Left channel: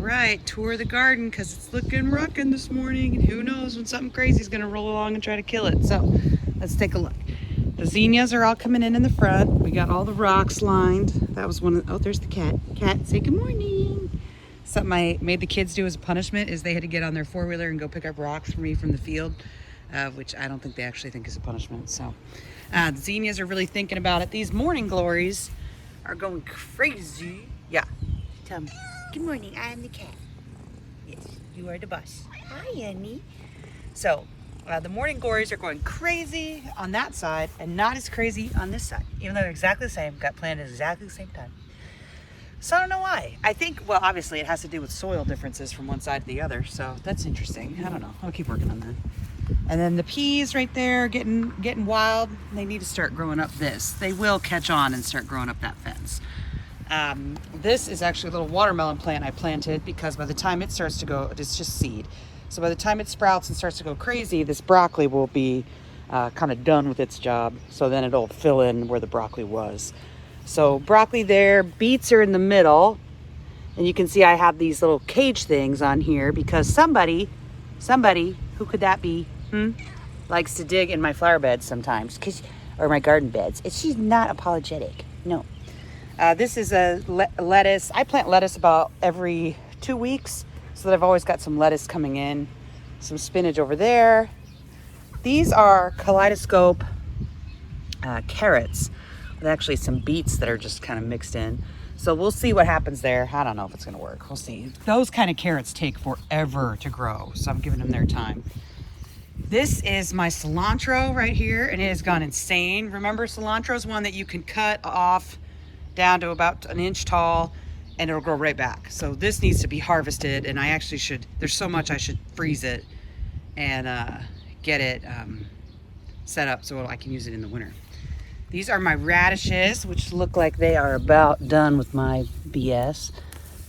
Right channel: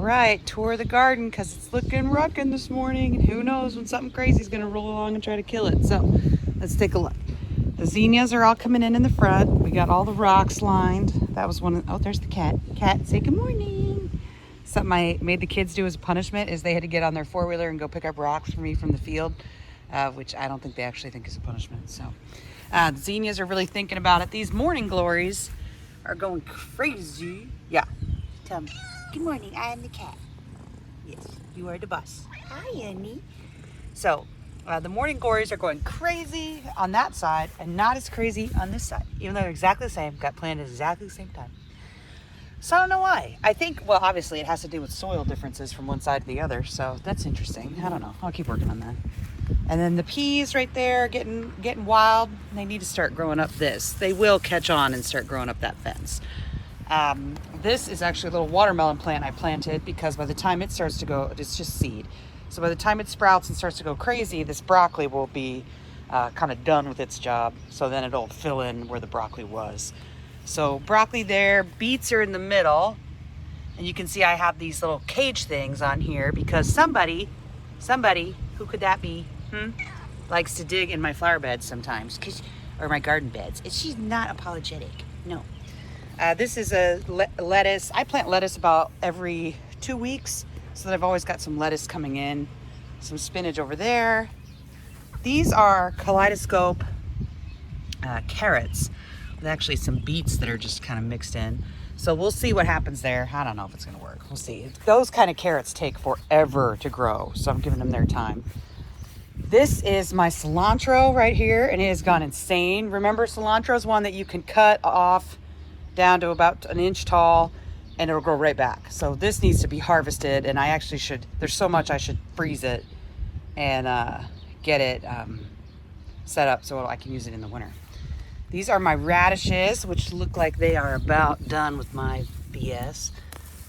right, tour the garden because it's looking rockin' this morning, and who knows when something crazy is going to roll along and try to kill it. So let's take a look. The zinnias are all coming in the front. We got all the rocks lined. That was one of, oh, there's the cat. Cat, say good morning. Something I made the kids do as a punishment is they had to get on their four-wheeler and go pick up rocks for me from the field, which I don't think they actually think is a punishment. So the zinnias are really thinking about it. These morning glories are going crazy. Yeah, tell me. Good morning, I am the cat. Yes, you are the boss. Hi, Annie. So the morning glories are going crazy on that side and not as crazy on this side, even though they're exactly the same, got planted at exactly the same time. So I don't know why. I think, well, obviously it has to do with soil differences from one side to the other. So that's interesting. I don't know. I'll keep working on that. And then the peas right there getting wild. They need to start growing up this. They will catch on and start growing up that fence. This is actually a little watermelon plant I planted because by the time it starts to go, it's just seed. So by the time it sprouts and starts to go crazy, this broccoli will be kind of done with its job. So then it'll fill in where the broccoli was. So broccoli there, beets are in the middle. And you can see I have these little cage things on here because somebody, who could that be? Likes to dig in my flower beds sometimes, or my garden beds. She's not apologetic, no. This is a lettuce. I plant lettuce about every 2 weeks so that I've always got some lettuce coming in. Some spinach over there. These are kaleidoscope carrots. There's actually some beets that are just kind of mixed in. So we'll see what happens there. I don't know if it's gonna work. We'll see. Those kind of carrots take forever to grow, so I'm giving them their time. This is my cilantro right here, and it has gone insane. Remember, cilantro is one that you can cut off down to about an inch tall, and it'll grow right back. So this needs to be harvested, and I actually should, there's so much I should freeze it and get it set up so I can use it in the winter. These are my radishes, which look like they are about done with my BS.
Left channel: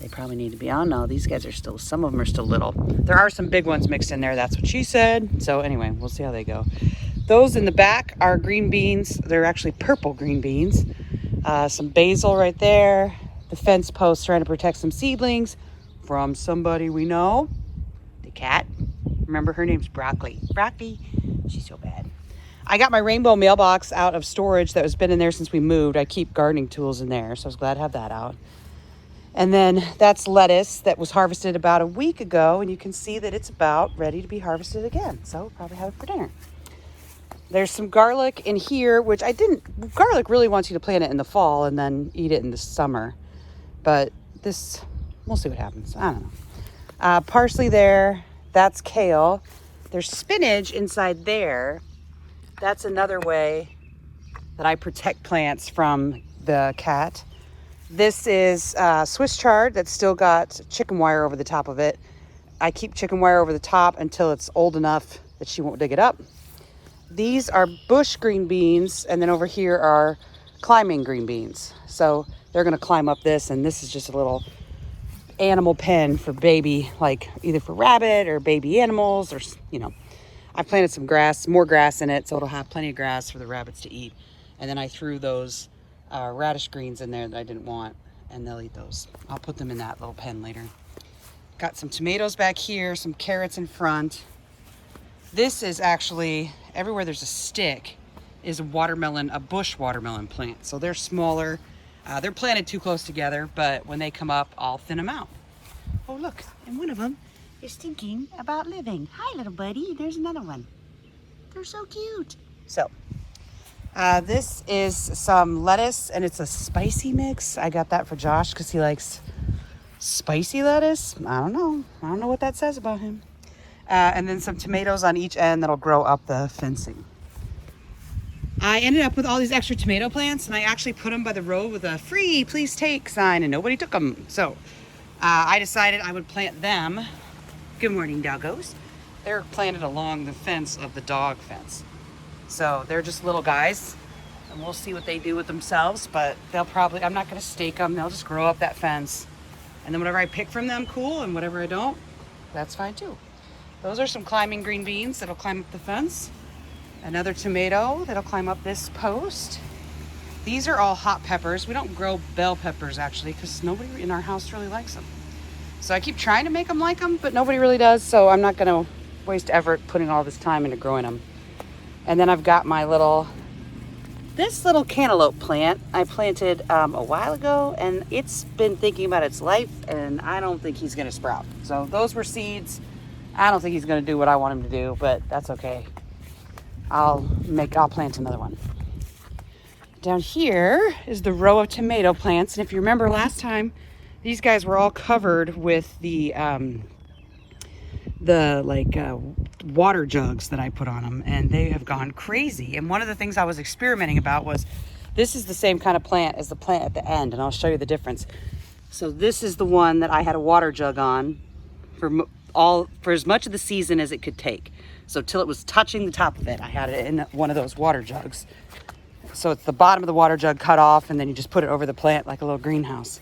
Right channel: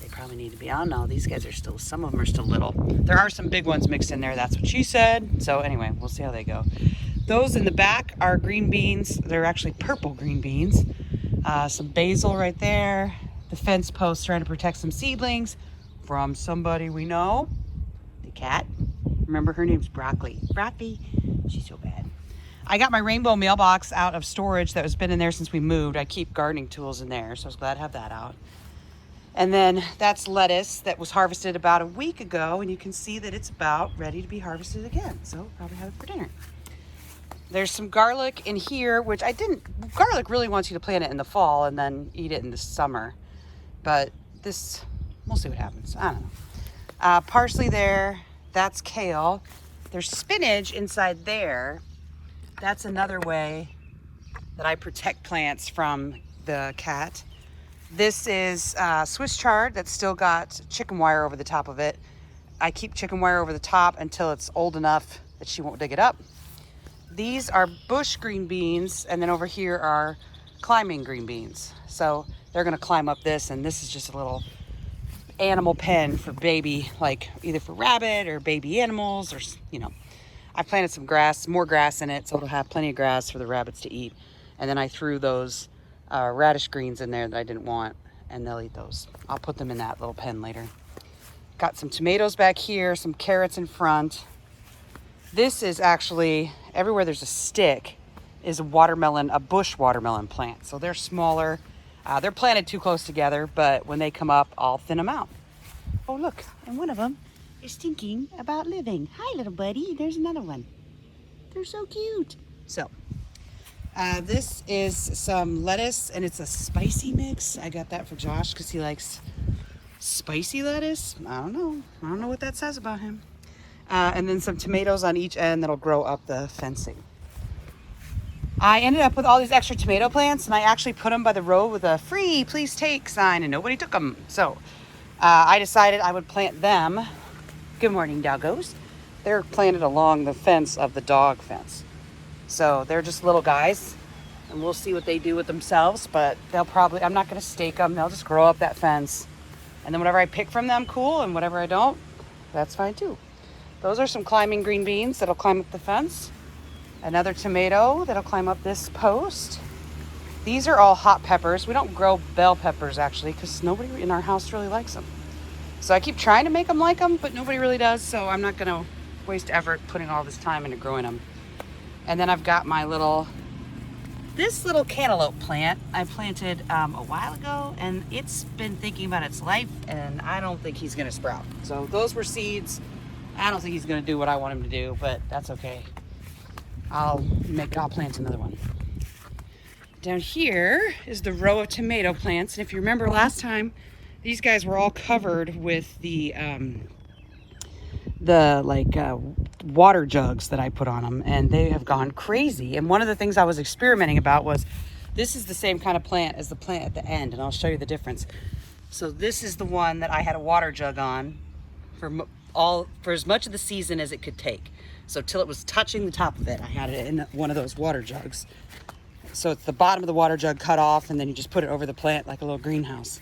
They probably need to be, I don't know, these guys are still, some of them are still little. There are some big ones mixed in there, that's what she said. So anyway, we'll see how they go. Those in the back are green beans. They're actually purple green beans. Some basil right there. The fence post trying to protect some seedlings from somebody we know. The cat. Remember, her name's Broccoli. Broccoli, she's so bad. I got my rainbow mailbox out of storage that has been in there since we moved. I keep gardening tools in there, so I was glad to have that out. And then that's lettuce that was harvested about a week ago, and you can see that it's about ready to be harvested again. So we'll probably have it for dinner. There's some garlic in here, which garlic really wants you to plant it in the fall and then eat it in the summer. But this, we'll see what happens. I don't know. Parsley there, that's kale. There's spinach inside there. That's another way that I protect plants from the cat. This is Swiss chard that's still got chicken wire over the top of it. I keep chicken wire over the top until it's old enough that she won't dig it up. These are bush green beans, and then over here are climbing green beans. So they're gonna climb up this, and this is just a little animal pen for baby, like either for rabbit or baby animals, or, you know. I planted some grass, more grass in it, so it'll have plenty of grass for the rabbits to eat. And then I threw those radish greens in there that I didn't want, and they'll eat those. I'll put them in that little pen later. Got some tomatoes back here, some carrots in front. This is actually, everywhere there's a stick is a watermelon, a bush watermelon plant. So they're smaller. They're planted too close together, but when they come up, I'll thin them out. Oh, look, and one of them is thinking about living. Hi, little buddy. There's another one. They're so cute. So, this is some lettuce, and it's a spicy mix. I got that for Josh because he likes spicy lettuce. I don't know what that says about him. And then some tomatoes on each end that'll grow up the fencing. I ended up with all these extra tomato plants, and I actually put them by the road with a free, please take sign, and nobody took them. So, I decided I would plant them. Good morning, doggos. They're planted along the fence of the dog fence. So they're just little guys, and we'll see what they do with themselves, but they'll probably, I'm not gonna stake them, they'll just grow up that fence. And then whatever I pick from them, cool, and whatever I don't, that's fine too. Those are some climbing green beans that'll climb up the fence. Another tomato that'll climb up this post. These are all hot peppers. We don't grow bell peppers actually, because nobody in our house really likes them. So I keep trying to make them like them, but nobody really does. So I'm not gonna waste effort putting all this time into growing them. And then I've got my this little cantaloupe plant I planted a while ago, and it's been thinking about its life, and I don't think he's gonna sprout. So those were seeds. I don't think he's gonna do what I want him to do, but that's okay. I'll plant another one. Down here is the row of tomato plants, and if you remember last time, these guys were all covered with the water jugs that I put on them, and they have gone crazy. And one of the things I was experimenting about was, this is the same kind of plant as the plant at the end, and I'll show you the difference. So this is the one that I had a water jug on for as much of the season as it could take. So till it was touching the top of it, I had it in one of those water jugs. So it's the bottom of the water jug cut off, and then you just put it over the plant like a little greenhouse.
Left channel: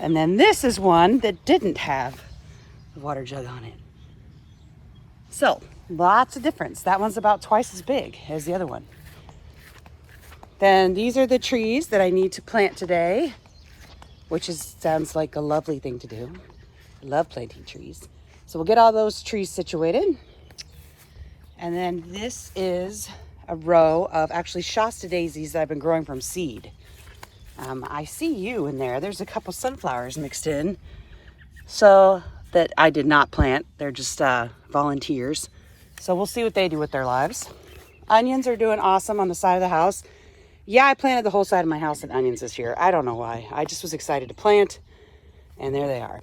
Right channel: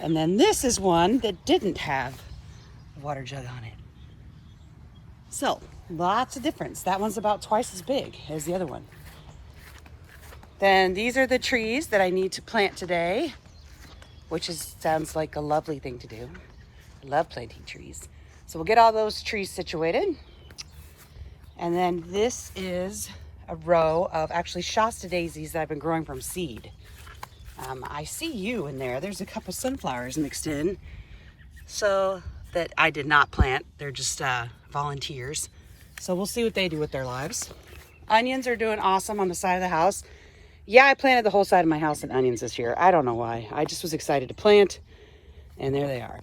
And then this is one that didn't have a water jug on it. So lots of difference. That one's about twice as big as the other one. Then these are the trees that I need to plant today, which sounds like a lovely thing to do. I love planting trees. So we'll get all those trees situated. And then this is a row of actually Shasta daisies that I've been growing from seed. I see you in there. There's a couple sunflowers mixed in. So that I did not plant. They're just volunteers. So we'll see what they do with their lives. Onions are doing awesome on the side of the house. Yeah, I planted the whole side of my house in onions this year. I don't know why. I just was excited to plant, and there they are.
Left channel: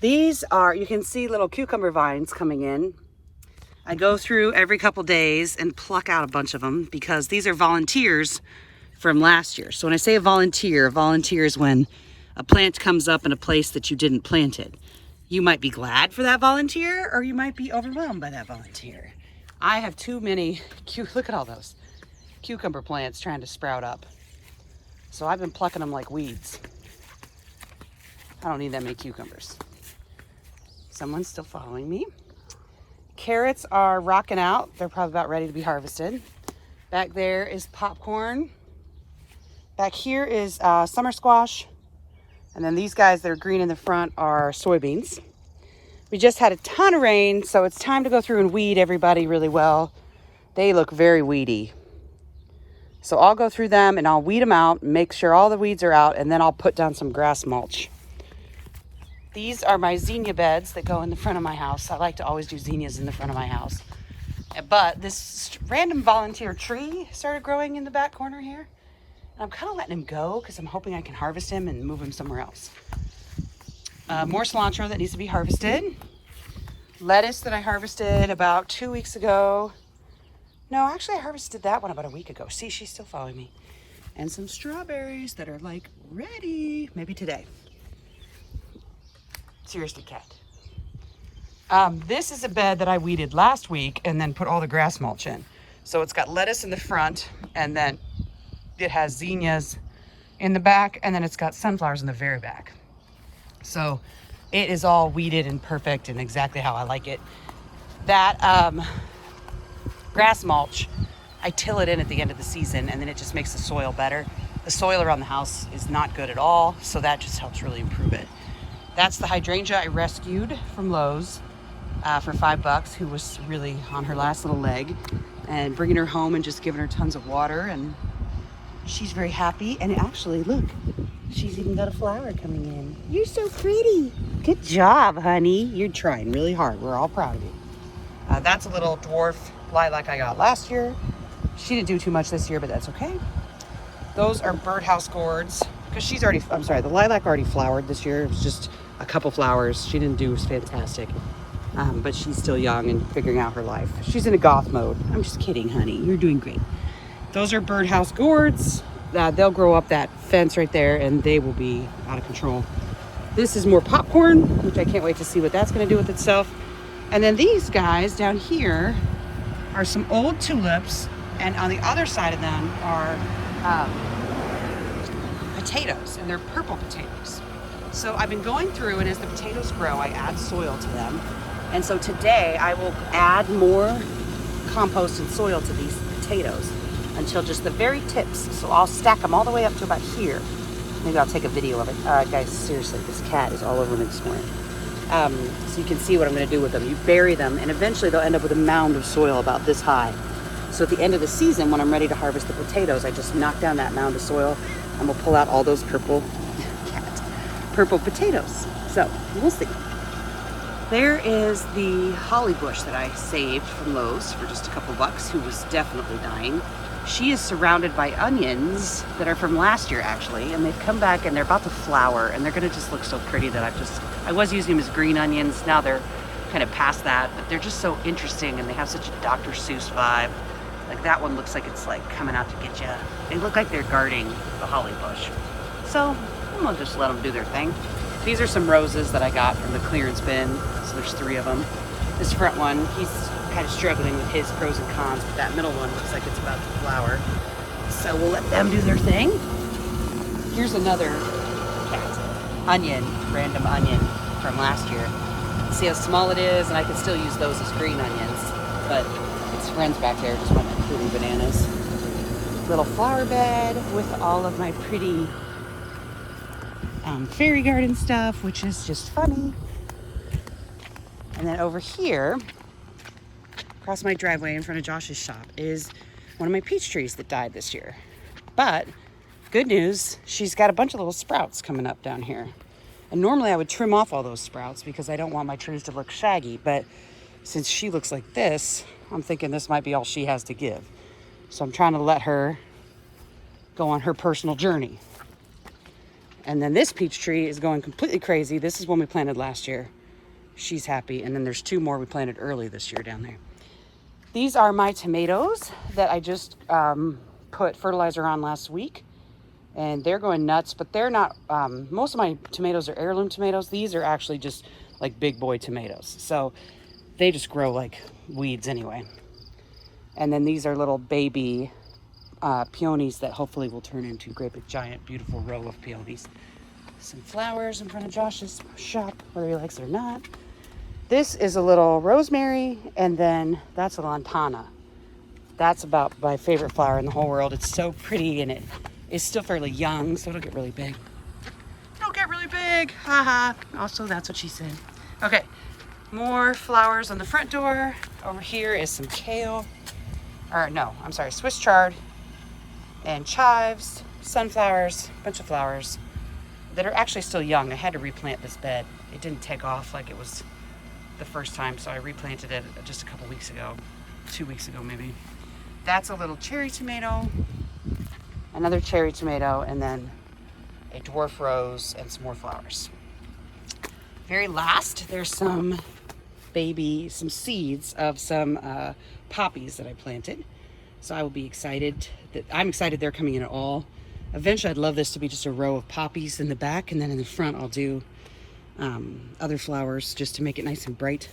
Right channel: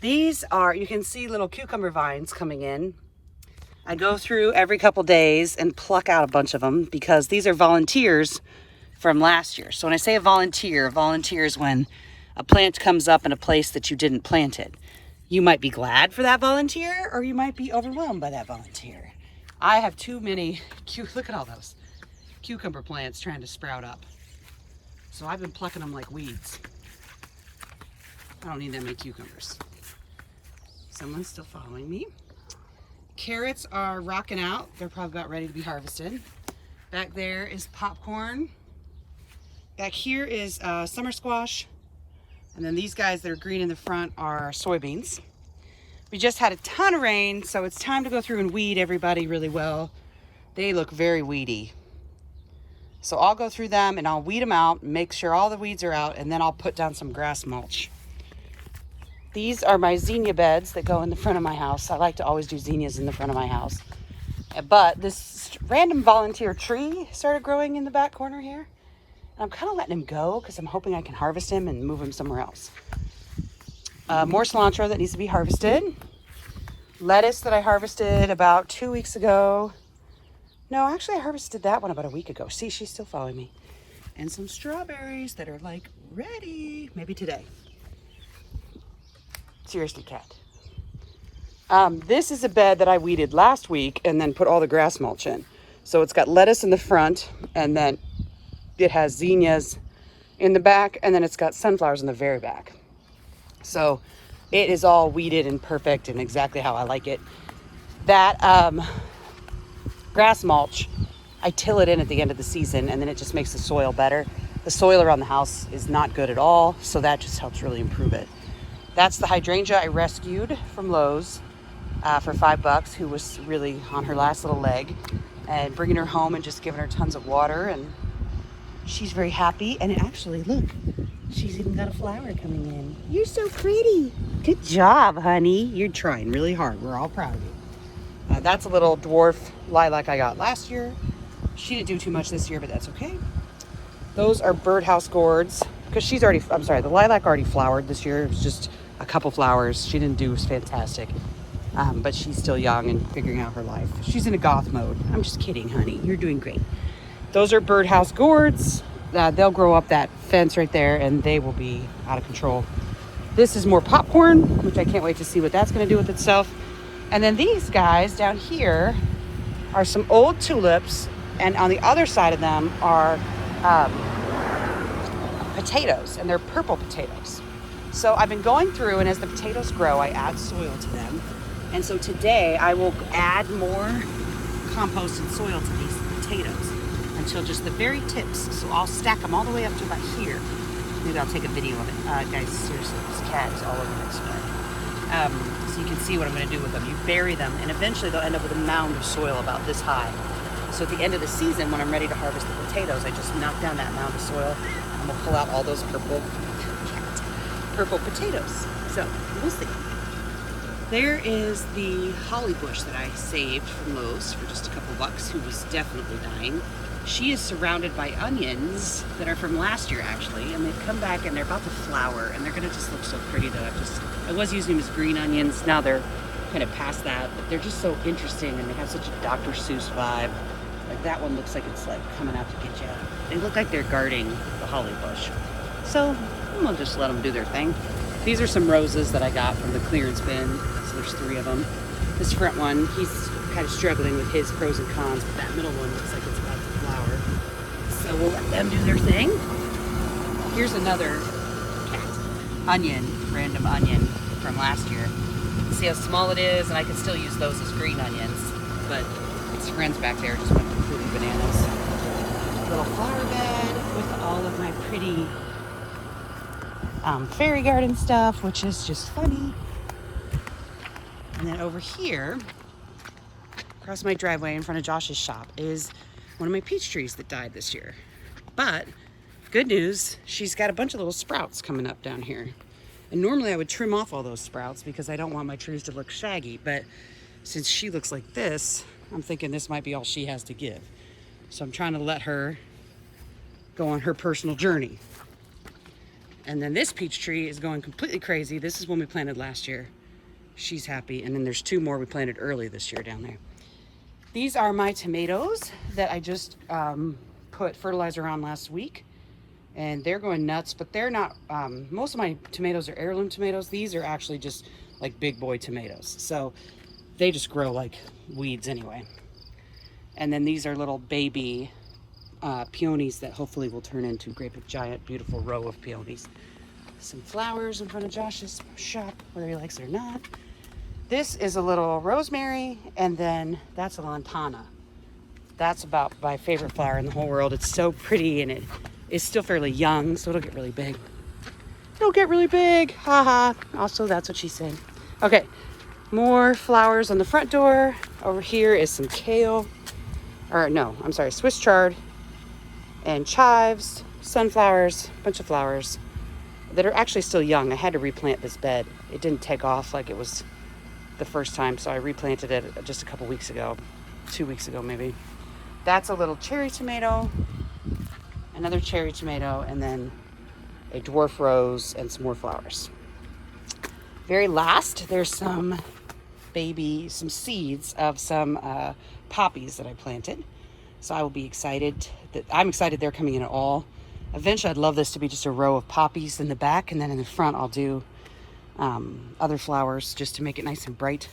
These are, you can see little cucumber vines coming in. I go through every couple days and pluck out a bunch of them because these are volunteers from last year. So when I say a volunteer is when a plant comes up in a place that you didn't plant it. You might be glad for that volunteer, or you might be overwhelmed by that volunteer. I have too many, look at all those cucumber plants trying to sprout up. So I've been plucking them like weeds. I don't need that many cucumbers. Someone's still following me. Carrots are rocking out. They're probably about ready to be harvested. Back there is popcorn. Back here is summer squash. And then these guys that are green in the front are soybeans. We just had a ton of rain, so it's time to go through and weed everybody really well. They look very weedy. So I'll go through them and I'll weed them out, make sure all the weeds are out, and then I'll put down some grass mulch. These are my zinnia beds that go in the front of my house. I like to always do zinnias in the front of my house. But this random volunteer tree started growing in the back corner here. I'm kind of letting him go because I'm hoping I can harvest him and move him somewhere else. More cilantro that needs to be harvested. Lettuce that I harvested about 2 weeks ago. No, actually I harvested that one about a week ago. See, she's still following me. And some strawberries that are like ready, maybe today. Seriously, cat. This is a bed that I weeded last week and then put all the grass mulch in. So it's got lettuce in the front, and then it has zinnias in the back, and then it's got sunflowers in the very back. So it is all weeded and perfect and exactly how I like it. That grass mulch, I till it in at the end of the season, and then it just makes the soil better. The soil around the house is not good at all, so that just helps really improve it. That's the hydrangea I rescued from Lowe's for $5, who was really on her last little leg, and bringing her home and just giving her tons of water, and she's very happy. And actually, look, she's even got a flower coming in. You're so pretty. Good job, honey. You're trying really hard. We're all proud of you. That's a little dwarf lilac I got last year. She didn't do too much this year, but that's okay. Those are birdhouse gourds, because she's already, I'm sorry, the lilac already flowered this year. It was just a couple flowers. She didn't do as fantastic, but she's still young and figuring out her life. She's in a goth mode. I'm just kidding, honey. You're doing great. Those are birdhouse gourds. They'll grow up that fence right there, and they will be out of control. This is more popcorn, which I can't wait to see what that's going to do with itself. And then these guys down here are some old tulips, and on the other side of them are potatoes, and they're purple potatoes. So I've been going through, and as the potatoes grow, I add soil to them. And so today I will add more compost and soil to these potatoes until just the very tips. So I'll stack them all the way up to about here. Maybe I'll take a video of it. Guys, seriously, this cat is all over my screen. So you can see what I'm going to do with them. You bury them, and eventually they'll end up with a mound of soil about this high. So at the end of the season, when I'm ready to harvest the potatoes, I just knock down that mound of soil, and we'll pull out all those purple potatoes. So we'll see. There is the holly bush that I saved from Lowe's for just a couple bucks, who was definitely dying. She is surrounded by onions that are from last year, actually, and they've come back and they're about to flower, and they're gonna just look so pretty that I was using them as green onions. Now they're kind of past that, but they're just so interesting, and they have such a Dr. Seuss vibe. Like that one looks like it's like coming out to get you. They look like they're guarding the holly bush. So I'm gonna just let them do their thing. These are some roses that I got from the clearance bin. So there's 3 of them. This front one, he's kind of struggling with his pros and cons, but that middle one looks like it's about to flower. So we'll let them do their thing. Here's another random onion from last year. See how small it is, and I can still use those as green onions, but its friends back there just went completely bananas. Little flower bed with all of my pretty fairy garden stuff, which is just funny. And then over here, across my driveway in front of Josh's shop, is one of my peach trees that died this year. But good news, she's got a bunch of little sprouts coming up down here. And normally I would trim off all those sprouts because I don't want my trees to look shaggy, but since she looks like this, I'm thinking this might be all she has to give. So I'm trying to let her go on her personal journey. And then this peach tree is going completely crazy. This is one we planted last year. She's happy. And then there's 2 more we planted early this year down there. These are my tomatoes that I just put fertilizer on last week. And they're going nuts, but they're not, most of my tomatoes are heirloom tomatoes. These are actually just like big boy tomatoes. So they just grow like weeds anyway. And then these are little baby peonies that hopefully will turn into great big giant beautiful row of peonies. Some flowers in front of Josh's shop, whether he likes it or not. This is a little rosemary, and then that's a lantana. That's about my favorite flower in the whole world. It's so pretty, and it is still fairly young, so it'll get really big. It'll get really big, haha. Also, that's what she said. Okay, more flowers on the front door. Over here is some kale, or no, I'm sorry, Swiss chard, and chives, sunflowers, a bunch of flowers that are actually still young. I had to replant this bed. It didn't take off like it was the first time, so I replanted it just a couple weeks ago, 2 weeks ago maybe. That's a little cherry tomato, another cherry tomato, and then a dwarf rose and some more flowers. Very last, there's some seeds of some poppies that I planted. So I will be excited. I'm excited they're coming in at all. Eventually I'd love this to be just a row of poppies in the back, and then in the front I'll do other flowers just to make it nice and bright.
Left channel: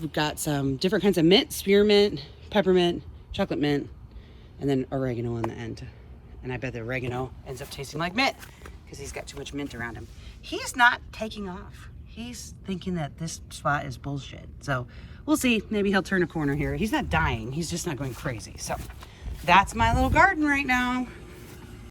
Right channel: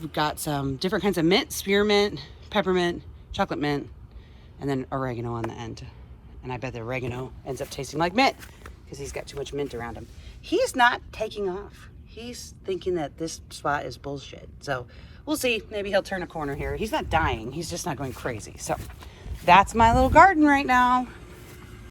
We've got some different kinds of mint, spearmint, peppermint, chocolate mint, and then oregano on the end. And I bet the oregano ends up tasting like mint because he's got too much mint around him. He's not taking off. He's thinking that this spot is bullshit. So we'll see. Maybe he'll turn a corner here. He's not dying. He's just not going crazy. So that's my little garden right now.